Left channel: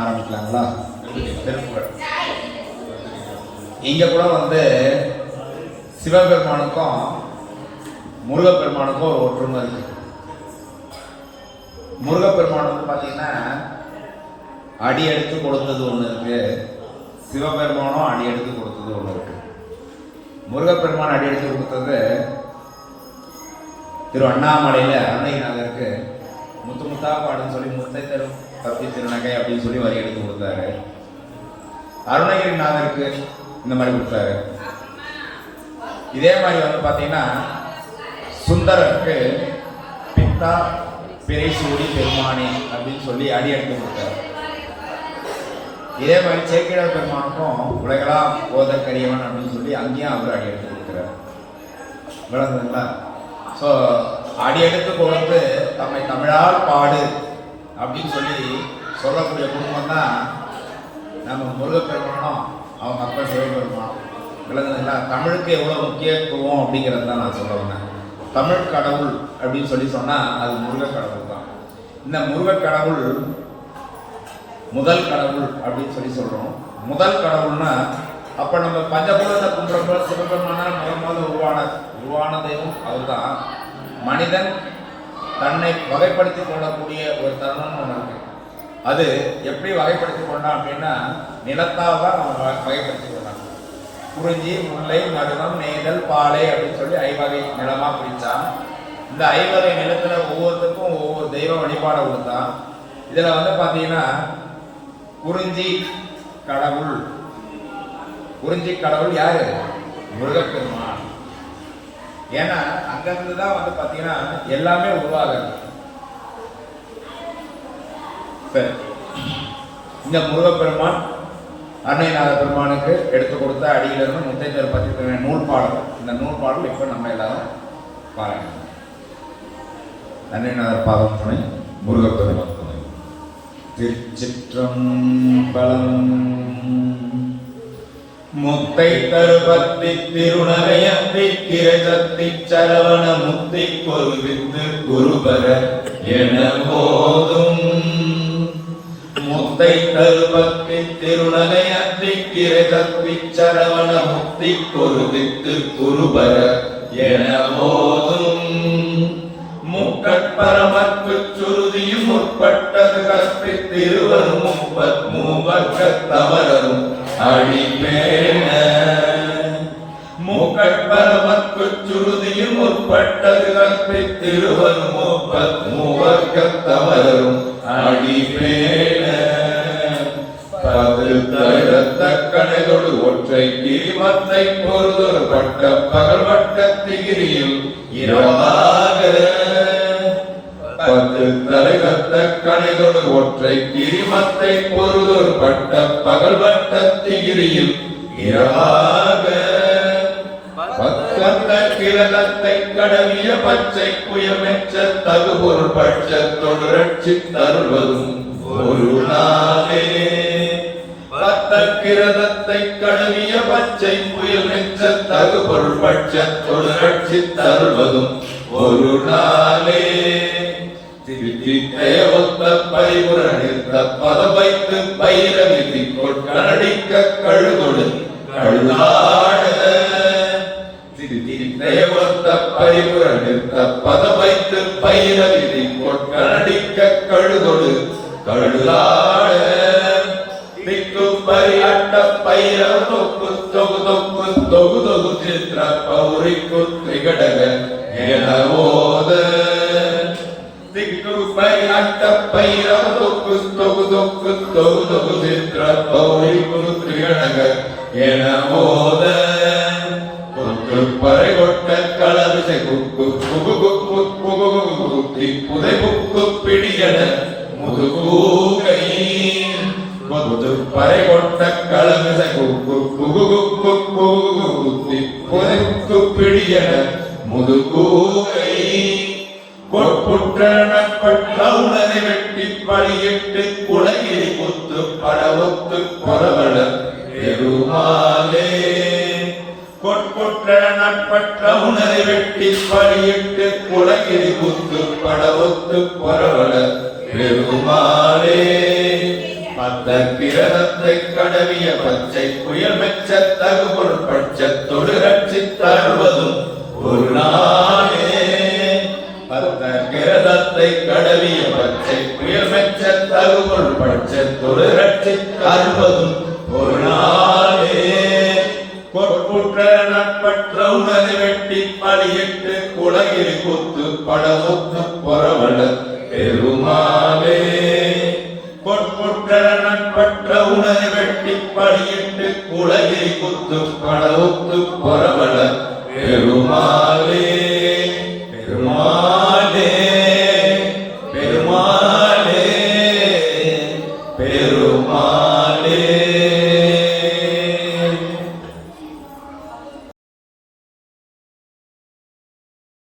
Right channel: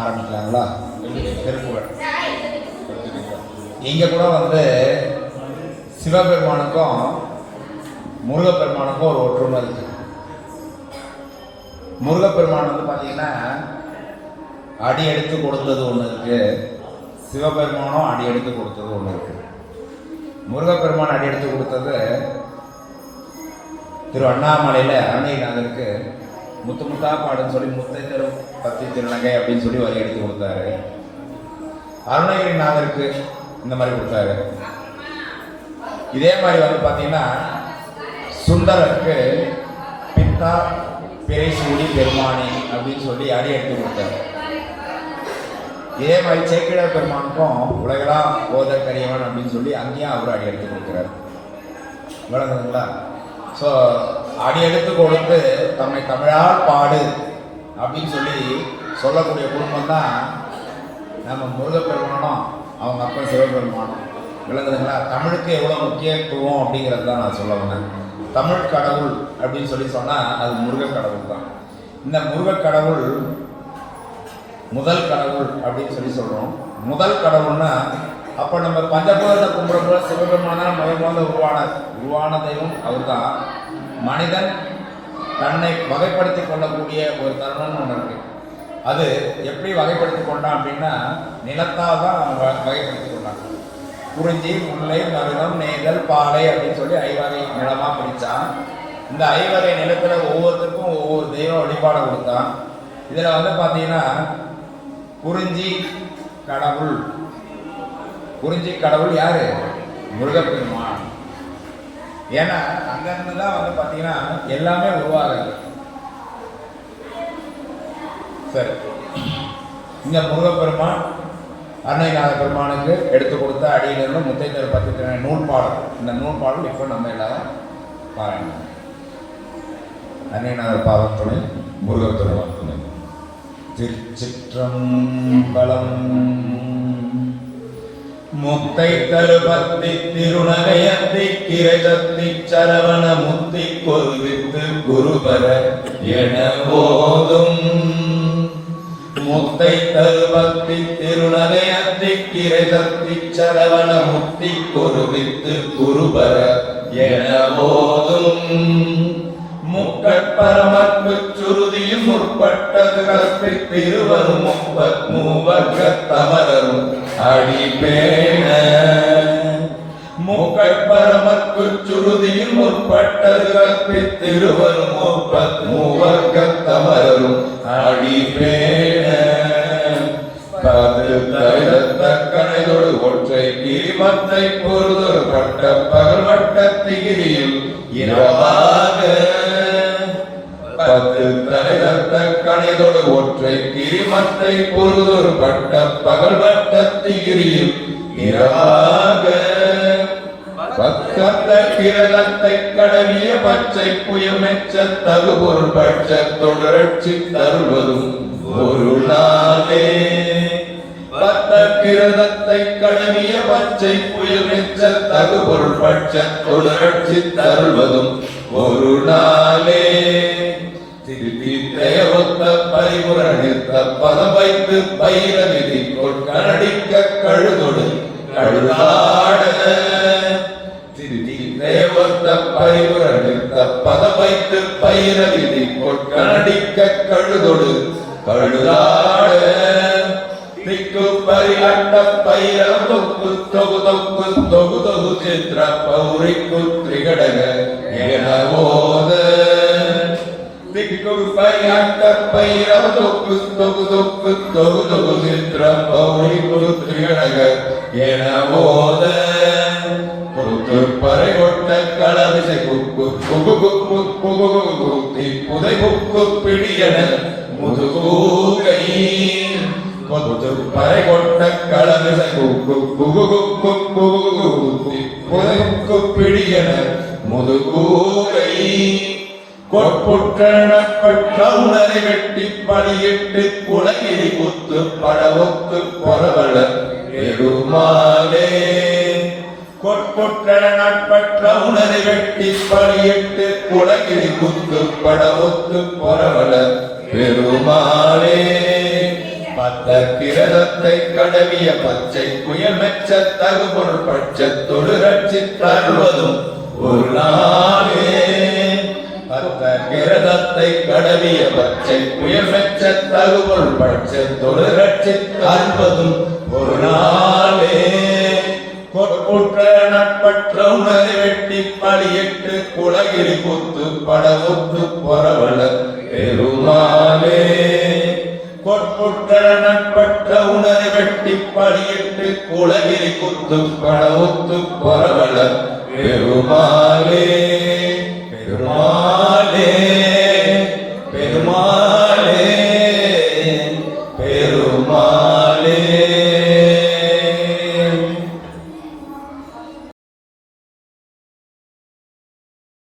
ஆரம்பிக்கலாங்களா? இங்க கூட வந்து சிவபெருமானுக்கும் முருகப்பெருமானுக்கும் ஒரு ஒற்றுமை இருக்கு. முருகப்பெருமான் வந்து பாத்தீங்கன்னா அடி எடுத்து கொடுத்தது ஒண்ணு இருக்கு, சிவபெருமானும் அடி எடுத்து கொடுத்தது ஒண்ணு இருக்கு. முருகப்பெருமான் அடி எடுத்து கொடுத்தது திரு அண்ணாமலையில அருணைநாதருக்கு முத்து முத்தா பாடுன்னு சொல்லி முத்தை தரும் பத்தி திருநகை அப்படின்னு சொல்லி வரி எடுத்து கொடுத்தாரு. அருணகிரிநாதருக்கு இந்த மாதிரி கொடுத்தாரு. இதே மாதிரி வந்து பாத்தீங்கன்னா சுந்தரருக்கு பித்தா பிறைசூடி பெருமானி அப்படின்னு சொல்லி அடி எடுத்து கொடுத்தாரு. இதே மாதிரி சேக்கிழார் பெருமானுக்கும் உலகெல்லாம் ஓதற்கரியவன் அப்படின்னு சொல்லி அங்கேயும் அவர் அடி எடுத்து கொடுக்கிறார். விளங்குதுங்களா? ஸோ அடி எடுத்து கொடுத்து தம்மை தமிழால் பாடு அப்படின்னு சொல்லி சொல்லக்கூடிய குடும்பம் தான் நம்ம முருகப்பெருமானும் அவங்க மக்கள் சிவபெருமானும். விளங்குதுங்களா? தமிழுக்கு எவ்வளோ முக்கியத்துவம் அப்படிங்கிறது தான் நான் சொல்ல வந்தேன். தமிழ் கடவுள் அப்படின்னு சொல்லி சொன்னால் அது முருக கடவுள் தான். இந்த முருக கடவுள் முதல் கடவுள் அப்படின்னு சொல்லி சொல்றோம். முதல் கடவுள்னா அப்ப நம்ம பஞ்சபூதத்தை கும்பிடும்போது சிவபெருமான முதல் உருவான தெய்வம் அவர் தான். மனிதன் தன்னை வகைப்படுத்தி கொள்ளக்கூடிய ஒரு தருணம் ஒன்று இருக்கு. அது எப்படி வகைப்படுத்தி கொண்டான் அப்படின்னா நிலத்தால் தான் அவன் வகைப்படுத்தி கொண்டான். குறிஞ்சி, முல்லை, மருதம், நெய்தல், பாலை அப்படின்னு சொல்லி 5 வகை நிலமா பிரிச்சான். இந்த 5 வகை நிலத்துல ஒவ்வொருத்தருக்கும் ஒவ்வொரு தெய்வ வழிபாடு கொடுத்தான். இதுல வந்து பாத்தீங்கன்னா குறிஞ்சி கடவுள் யாரு? முருகப்பெருமான். ஏன்னா அங்கிருந்து தான் வந்து பாத்தீங்கன்னா எல்லாமே உருவாகுது. சரி, இங்க முருகப்பெருமான் அன்னைநாத பெருமானுக்கு எடுத்து கொடுத்த அடியிலிருந்து முத்தையர் பத்தி நூல் பாடல். இந்த நூல் பாடல் இப்ப நம்ம எல்லாரும் பாருங்க. அன்னைநாதர் பாதம் துணை, முருகப்பெருமான் துணை. திருச்சிற்றம்பலம். முத்தை தருபத்தி திருநகையத்தி கிரைசத்தி சரவண முத்தி கொருவித்து குருபர என போதும். முத்தை தருபத்தி திருநகையத்தி கிரைசத்தி சரவண முத்தி கொருவித்து குருபர என போதும். முக்கட்பரமக்கு சுருதியும் முற்பட்டது கற்பித்திருவரும் மூவர்க்கத்தவரும் அடிபேண. முக்கட்பரமக்கு சுருதியும் முற்பட்டது கற்பித்திருவரும் மூவர்க்கத்தவரும் அடிபேண. பது தருத்த கணைதொடு ஒற்றை கிரிமத்தை பொறுதொரு பட்ட பகல் வட்டத்திகிரியில் இரவாக. பத்து தலைகத்த கணைதொடு ஒற்றை கிரிமத்தை பொருதொரு பட்ட பகல் வட்டத்திகிரியில் இரவாக. பக்கத்த கிரதத்தை கடவிய பச்சை புயமெச்ச தகுபொருள் பட்ச தொடரட்சி தருவதும் ஒரு நாளே. பத்த கிரதத்தை கடவிய பச்சை புயமெச்ச தகுபொருள் பட்ச தொடரட்சி தருவதும் ஒரு நாளே. தேவத்த பரிபுரணித்த பதம் வைத்து பைரவிதி கொட்கடிக்க கழுதொடு கழுதாட. தேவத்த பரிபுரணித்த பதம் வைத்து பைரவிதி கொட்கடிக்க கழுதொடு கழுதாட. திக்கு பரிகட்ட பைரவ தொக்கு தொகு தொக்கு தொகு தொகு சித்திர பௌரிக்கு திரிகடக என ஓத. பரிகட்ட பைரவ தொக்கு தொகு தொக்கு தொகு தொகு சித்திர பௌரிக்கு திரிகடக என ஓத. குக்கு பறை கொட்ட களவிசை குக்கு குகு குக்கு குகு குத்தி புதை புக்கு பிடியன முதுகூகை. கொத்து பறை கொட்ட களவிசை குக்கு குகு குக்கு குகு குத்தி புதை புக்கு பிடியன முதுகூகை. கொட்புற்ற உணரை வெட்டி பழியிட்டு குலகிரி குத்து படவொத்து பொறவள பெருமாளே. கொட்புற்ற நட்பற்ற உணரை வெட்டி பழியிட்டு குலகிரி குத்து படவொத்து பொறவள பெருமாளே. பத்த கிரகத்தை கடவிய பச்சை புயல் மெச்ச தகுபொருள் பட்சத்தொடு ரட்சித்தருவதும் ஒரு நாளே. பத்த கிரகத்தை கடவிய பச்சை புயல் மெச்ச தகுபொருள் பட்சத்தொடு ரட்சித்தருவதும் ஒரு நாளே. கொட்புற்ற நட்பற்ற உணரை வெட்டி பலியிட்டு குலகிரி குத்து படமுத்து பொறவள பெருமாளே. கொட்புற்ற நட்பற்ற உணரை வெட்டி பலியிட்டு குலகிரி குத்து படமுத்து பொறவள பெருமாளே. பெருமாளே.